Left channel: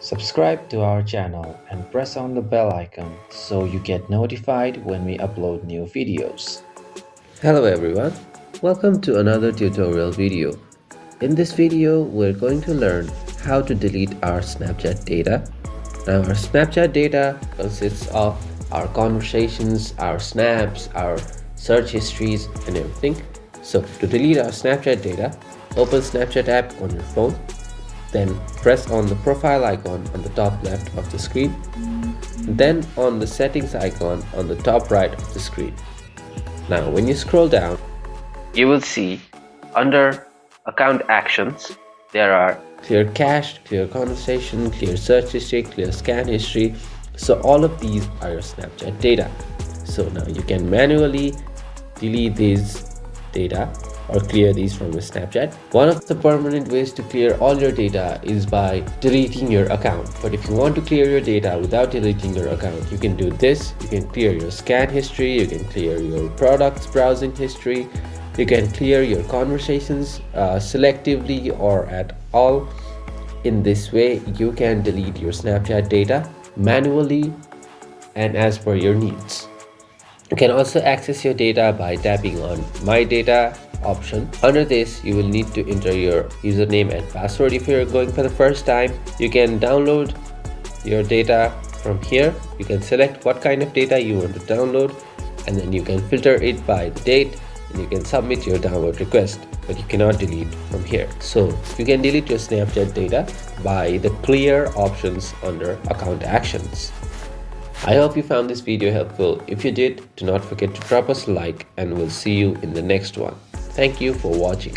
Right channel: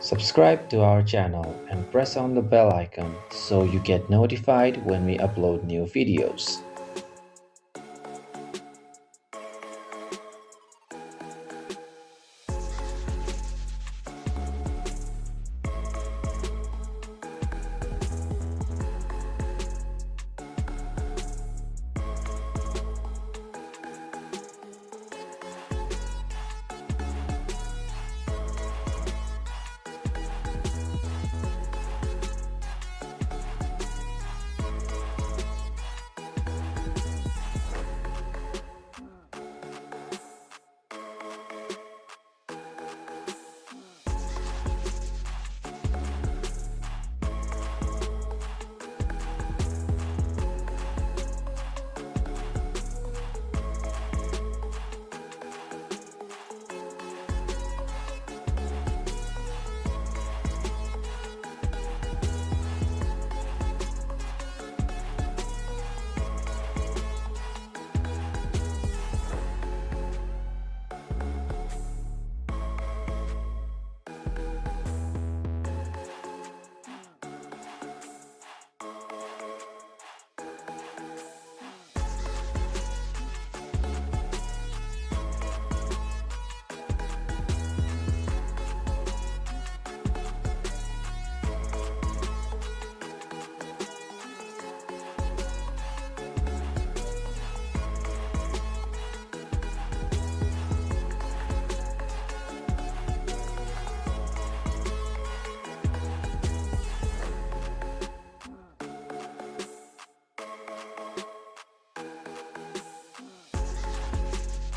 Subscribe to our channel and press on the bell icon so you get notified when we upload new videos. Hello everyone, welcome to another tutorial video. In this video, we're going to learn how to delete our Snapchat data. Now our Snapchat data consists of our conversations, our snaps, our search histories and everything. So to delete our Snapchat data, open Snapchat app on your phone, then press on the profile icon on the top left of the screen, then on the settings icon on the top right of the screen. Now when you scroll down, you will see under account actions, there are clear cache, clear conversation, clear search history, clear scan history. So all of these are your Snapchat data. So now you can manually delete these data or clear these from your Snapchat. One of the permanent ways to clear all your data is by deleting your account. But if you want to clear your data without deleting your account, you can do this. You can clear your scan history, you can clear your products browsing history, you can clear your conversations selectively or at all. In this way, you can delete your Snapchat data manually and as per your needs. You can also access your data by tapping on My Data option. Under this, you will need to enter your username and password if you're going for the first time. You can download your data from here. You can select what kind of data you want to download, and then you can filter it by the date, and you can submit your download request, but you cannot delete from here. So you can delete your Snapchat data by the clear options under account actions. I hope you found this video helpful. If you did, do not forget to drop us a like, and we'll see you in the next one. Thank you for watching.